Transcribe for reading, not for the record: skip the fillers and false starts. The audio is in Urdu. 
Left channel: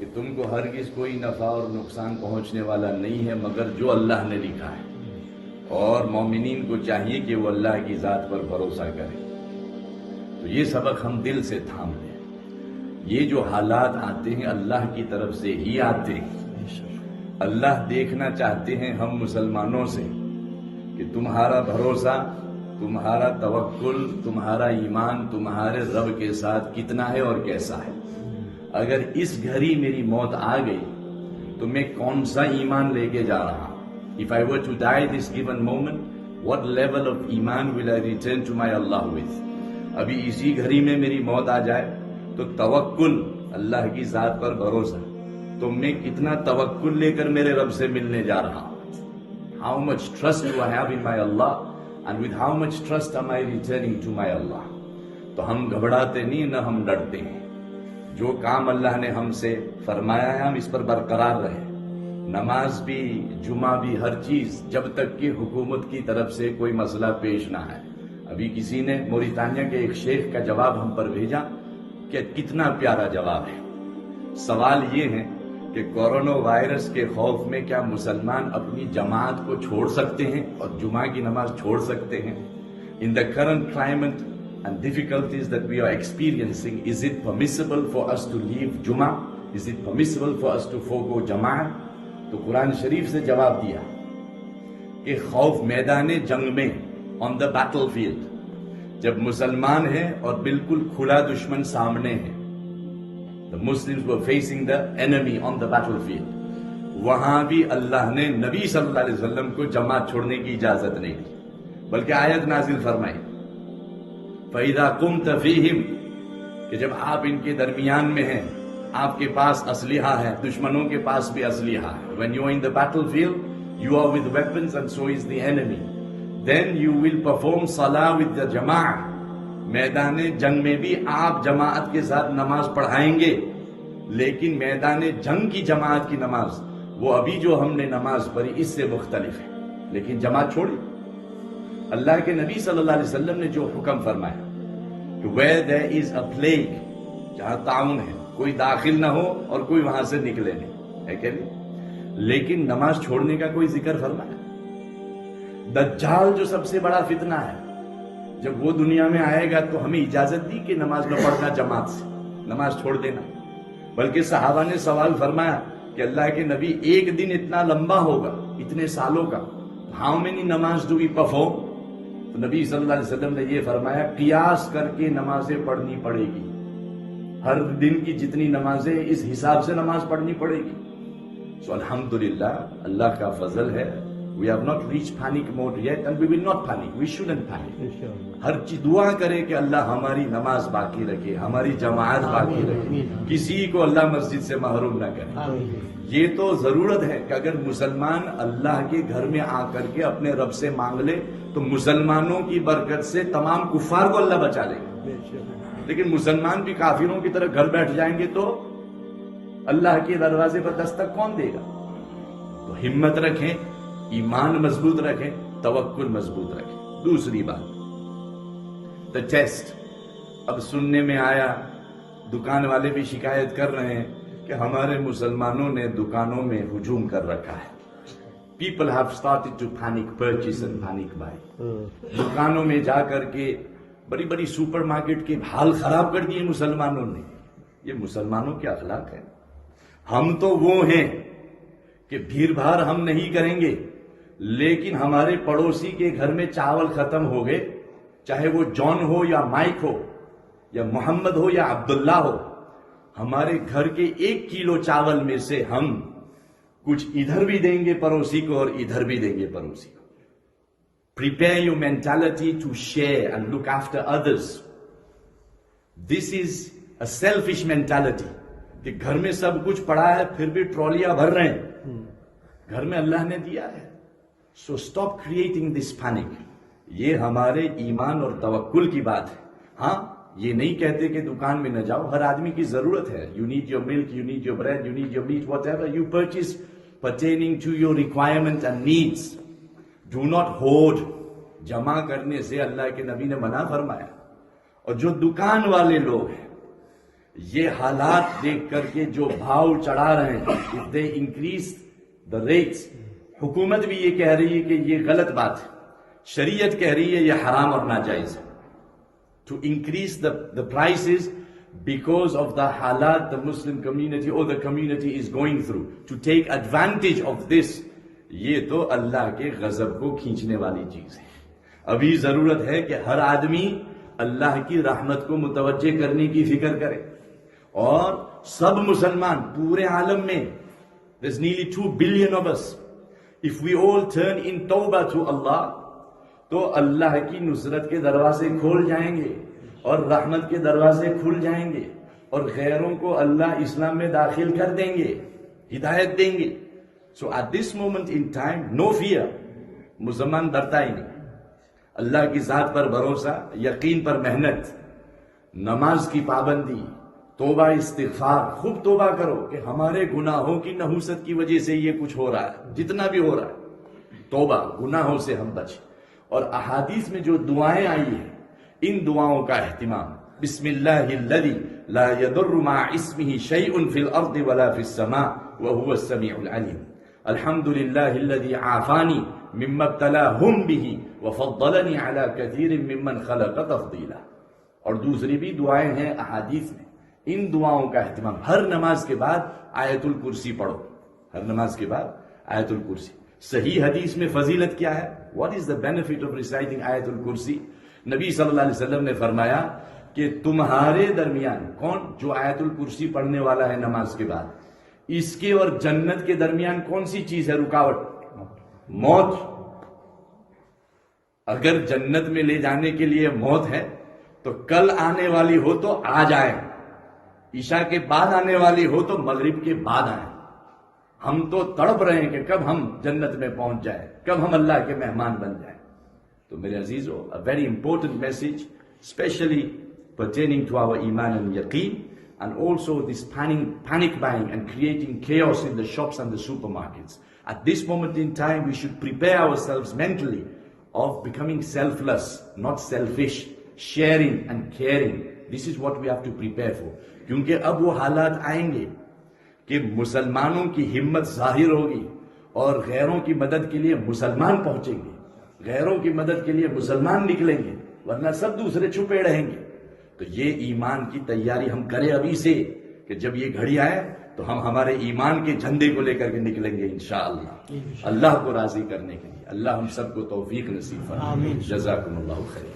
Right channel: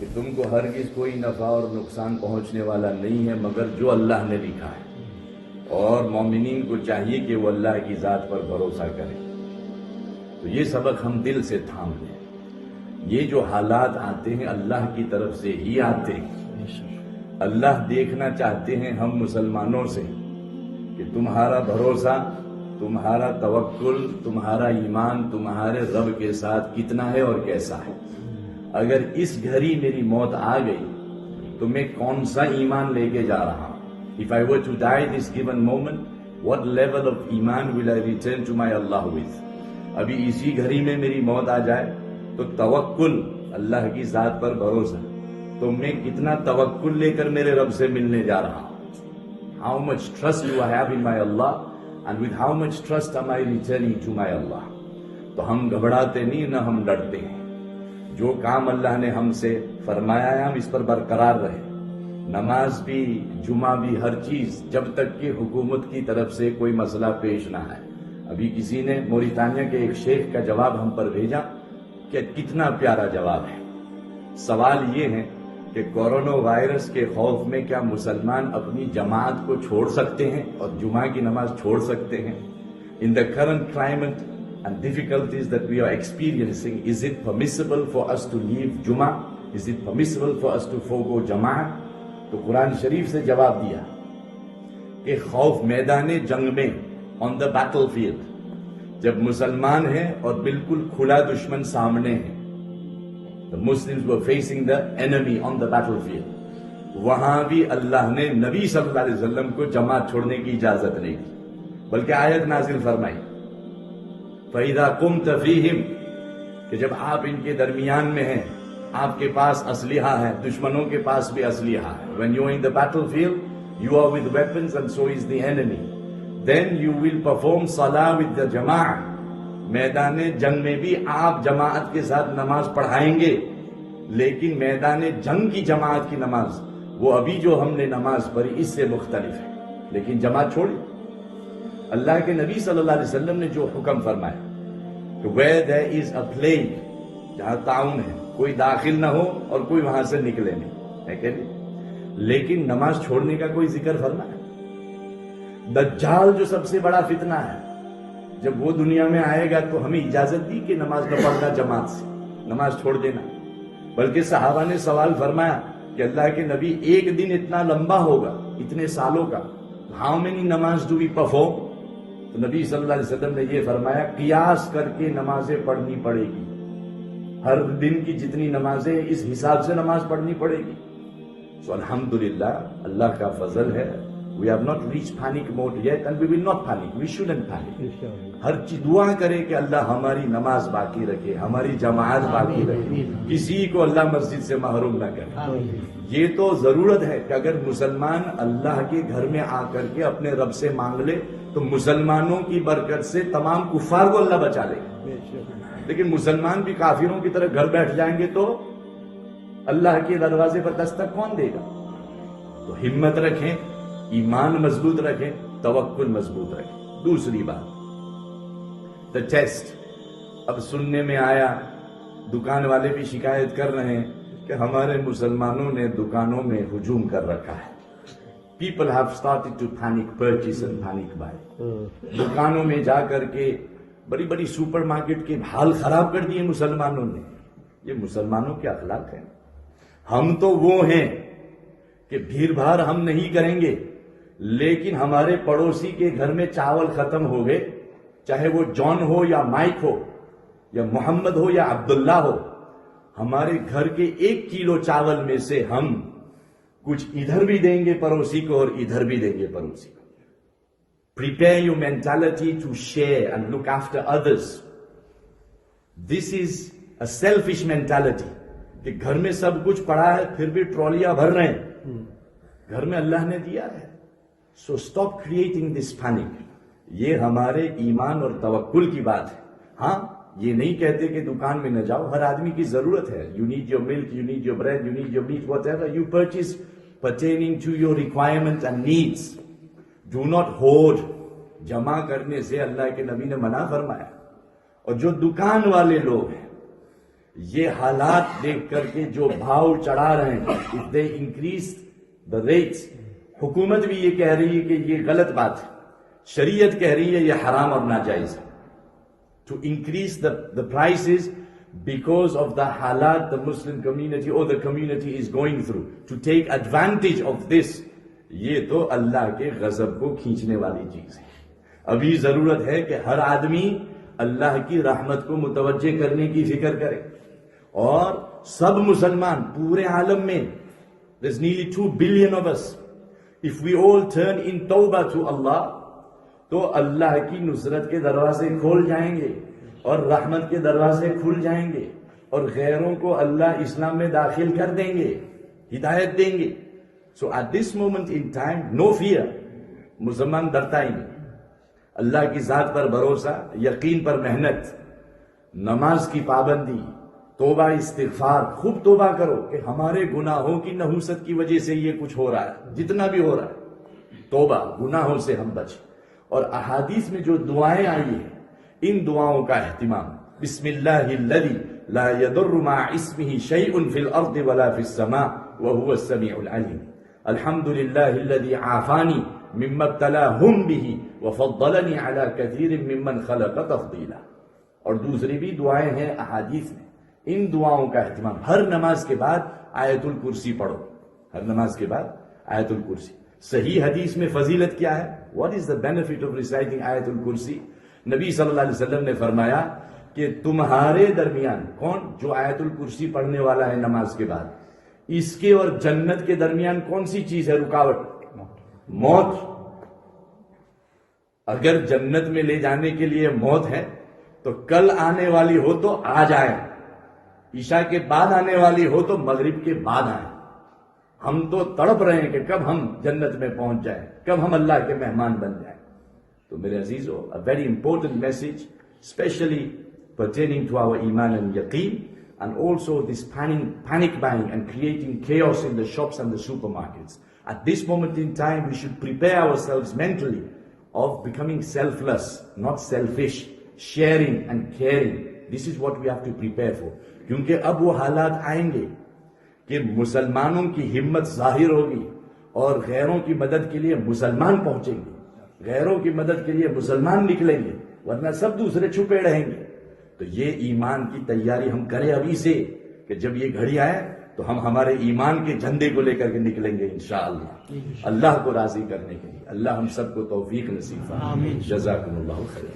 کہ تم کو ہرگز کوئی نفع اور نقصان پہنچنے والا نہیں ہے مگر جو اللہ نے لکھا ہے، اور مومنین کو چاہیے کہ وہ اللہ کی ذات پر بھروسہ کریں۔ تو یہ سبق ہم دل سے تھام لیں۔ یہ جو حالات آتے ہیں اللہ کی طرف سے ہی آتے ہیں۔ اللہ دیکھنا چاہتے ہیں ہم مسلمانوں سے کہ تمہارا بھروسہ، تمہارا توکل، تمہارا ایمان تمہارے رب کے ساتھ کتنا ہے اور کیسا ہے۔ اگر اس گھڑی میری موت آ گئی تو میں کون سا ایمان لے کے جا رہا ہوں؟ If I were to die this given moment, what level of iman will I return to my Allah with? ابھی اسی گھڑی میں میری موت آ جائے تو توکل، اللہ کی ذات پر بھروسہ، تو میں کتنا توکل لے کر میرے رب سے ملنے جا رہا ہوں؟ How much trust do I have in my Allah, and with how much trust am I returning to my Allah? تو ہم گھبراتے نہیں، نہ ہم ڈرتے ہیں۔ جو کام اللہ نے ہم سے فرمایا ہے ہم اس پر برقرار رہے، نماز بھی، جمعہ بھی، ہر چیز، جب تک کہ حکومت کی طرف سے کوئی مسئلہ پیش نہ آئے۔ ابھی کسی نے موریتانیہ کے ایک شیخ کا جواب ہم پر بھیجا کہ کتنا پیارا جواب ہے۔ سوال یہ ہے کہ کورونا وائرس کے خوف میں کیا مسلمان اپنی جماعت کو چھوڑ سکتے ہیں اور جمعہ کی نماز چھوڑ سکتے ہیں؟ In the current climate and difficulties that we are experiencing, is it permissible for us to leave Jummah? Is it permissible for us to forego Jama'ah? تو قرآن شریف سے جواب دیا کہ خوف میدان جنگ میں، on the battlefield، جب مسلمان ہیں اور بالکل کھلا دشمن سامنے ہے، the Muslims were facing the enemy on the battlefield، وہاں بھی اللہ نے نبی صلی اللہ علیہ وسلم کو جماعت چھوڑنے کی اجازت نہیں دی، بلکہ آیت نازل فرمائی فَإِذَا قُمْتَ فِيهِمْ، کہ جب آپ ان کے درمیان میں ہیں، آپ کے پاس اسلحہ ہے، دشمنوں کے پاس بھی اسلحہ ہے۔ When you are in the battlefield, you are with weapons and so is the enemy. Then you will perform salah with the jama'ah۔ میدان جنگ میں بھی آپ جماعت کے ساتھ نماز پڑھائیں گے، لیکن میدان جنگ کی جماعت کی نماز، وہ ابھی جو ہم نے نماز پڑھی اس سے مختلف ہے۔ لیکن جماعت چھوڑی، اللہ کے نبی صلی اللہ علیہ وسلم نے جو حکم فرمایا کہ where there is a plague، جہاں طاعون ہے، کوئی داخل نہ ہو اور کوئی وہاں سے نکلے نہیں، ہے کہ نہیں؟ لیکن نماز چھوڑنے کا کوئی ذکر فرمایا؟ دجال جو سب سے بڑا فتنہ ہے، جب وہ دنیا میں آئے گا تو ہمیں اجازت دی کہ نماز نہ پڑھنا جماعت سے، نماز چھوڑ دینا؟ بلکہ صحابہ نے سوال فرمایا کہ اللہ کے نبی ایک دن اتنا لمبا ہوگا، اتنے سالوں کا، how many نماز do we perform؟ تو نبی صلی اللہ علیہ وسلم نے یہ فرمایا قیاس کر کے نمازیں پڑھنی پڑے گی، ہر دن کی جتنی نمازیں اس حساب سے نماز پڑھنی پڑے گی۔ So الحمدللہ، اللہ کا فضل ہے، we have not reached panic mode yet and we will not panic, we shouldn't panic۔ ہر چیز دعا کرے کہ اللہ ہماری نماز باقی رکھے، ہماری جماعت باقی رکھے، کسی کو اللہ مسجد سے محروم نہ کرے۔ یہ تو ضرورت ہے کہ اگر مسلمان اللہ کے گھر میں آ کر کے اپنے رب سے مانگ لے تو مسلمانوں کی برکت سے تمام کفار کو اللہ بچا لے گا۔ لیکن مسلمان بھی کافروں کی طرح گھر بیٹھ جائیں گے تو اللہ کے دروازے پر دستک کون دے گا؟ تو ہمت رکھیں، ایمان مضبوط رکھیں، توکل مضبوط رکھیں۔ دوسری بات، the test۔ اب سننے میں آیا، دکان والے بھی شکایت کر رہے ہیں کہ ہمارے مسلمانوں نے دکانوں میں ہجوم کر رکھا ہے۔ People have started to panic purchase and panic buy۔ دکانوں میں جا کر کے بڑی بڑی سپر مارکیٹ کے حال خراب کر دیے مسلمانوں نے۔ یہ مسلمانوں کے اخلاق ہے؟ ہم تو وہ ہیں کہ بھیڑ بھاڑ ہم نہیں کریں گے، لیکن ہمارے پڑوسی کے گھر میں چاول ختم ہو گئے، چاہے وہ جان ہو یا مائک ہو یا محمد ہو یا عبداللہ ہو، ہمارے گھر کے 1 کلو چاول میں سے ہم کچھ ادھر بھی دیں گے پڑوسی کو اور ادھر بھی دیں گے پڑوسی کو۔ Prepare your mentality to share and look after others۔ This is a selfish mentality کہ گھر میں سب کچھ پڑا ہے پھر بھی ٹرالیاں بھر رہے ہیں، گھر میں اللہ نے دیا ہے۔ So stop creating this panic۔ یہ ہمارے ایمان اور توکل کی بات ہے۔ ہاں، یہ نہیں کہتے کہ دکان میں نہ جاؤ، ہر آدمی کی ضرورت ہے۔ You need your milk, you need your bread, you need your meat، whatever you purchase pertaining to your requirements and needs۔ Do not hoard۔ جمع کرنے سے اللہ کے نبی نے منع فرمایا۔ اور جو دکان والے لوگ ہیں یہ حالات دیکھ کر کے جو بھاؤ چڑھا رہے ہیں, if they increase the rates, حکومت بھی یہ کہہ رہی ہے کہ یہ غلط بات ہے, شریعت کہہ رہی ہے یہ حرام اور ناجائز ہے. To increase the prices because of the halat the Muslim community or the community is going through, to take advantage of this, یہ تو اللہ کے غضب کو کھینچنے والی چیز ہے. ابھی ضرورت ہے کہ ہر آدمی اللہ کی رحمت کو متوجہ کرنے کی فکر کرے, اور سب مسلمان پورے عالم میں, there's nearly 2 billion of us, if we all turn in tawbah to Allah, تو اللہ کی نصرت کے دروازے کھول جائیں گے اور رحمت کے دروازے کھل جائیں گے, اور غیروں کو اللہ اسلام میں داخل کر دیں گے, ہدایت دیں گے. So at this moment in time, no fear. مسلمان ڈرتا ہی نہیں. اللہ کی ذات پر بھروسہ, یقین پر محنت, نماز کی پابندی, توبہ استغفار, خوب توبہ کرو کہ ہمارے گناہوں کی نحوست کی وجہ سے یہ کچھ ہو رہا ہے, جتنا بھی ہو رہا ہے, توبہ, گناہوں سے ہم بچیں. اور احادیث میں جو دعائیں آئی ہیں, ان دعاؤں کا اہتمام, بسم اللہ الذی لا یضر مع اسمہ شیء فی الارض ولا فی السماء وهو السمیع العلیم, الحمد للہ الذی عافانی مما ابتلاہم بہ وفضلنی علی کثیر ممن خلق تفضیلا. اور دوسری بھی دعائیں ہیں احادیث میں. ان دعاؤں کا اہتمام, ہر نماز کے بعد آیت الکرسی پڑھو, ہر نماز کے بعد آیت الکرسی. صحیح حدیث میں فضیلت کیا ہے, what is the benefit of reciting آیت الکرسی؟ نبی صلی اللہ علیہ وسلم نے فرمایا کہ تمہارے درمیان, کون جو آیت الکرسی پڑھنے والا ہے نماز کے بعد, اس کے اور جنت کے درمیان کون سی چیز ہے رکاوٹ؟ موت. اگر جنت میں لے جانے کے لیے موت ہے تو کل آنے والی ہو تو آ جائے, عشاء کے بعد آنے والی ہو تو مغرب کے بعد آئے. ہم تو تڑپ رہے ہیں کہ کب ہم جنت میں پہنچ جائیں, کب ہم اللہ کے مہمان بن جائیں. تو میرے عزیزو, a very important message, especially pertaining to our iman and yaqeen, and also this panic buying and creating chaos in the shops and the supermarkets. At this moment in time, we should prepare ourselves mentally of becoming selfless, not selfish, sharing and caring. This is what we have to prepare for. کیونکہ اب وہ حالات آئیں گے کہ مسلمانوں کی ہمت ظاہر ہوگی اور غیروں کی مدد کے لیے مسلمان پہنچیں گے, غیروں کی مدد کے لیے مسلمان نکلیں گے, ورنہ سب دوسرے چھپے رہیں گے. تو یہ ایمان کی تیاری ہم کریں ابھی سے, کہ جب یہ گھڑی آئے تو ہم ہمارے ایمان کے جھنڈے کو لے کر کے نکلیں گے انشاءاللہ, اللہ کو راضی کرنے کے لیے. اللہ ہم سب کو توفیق نصیب فرمائے. جزاکم اللہ خیر.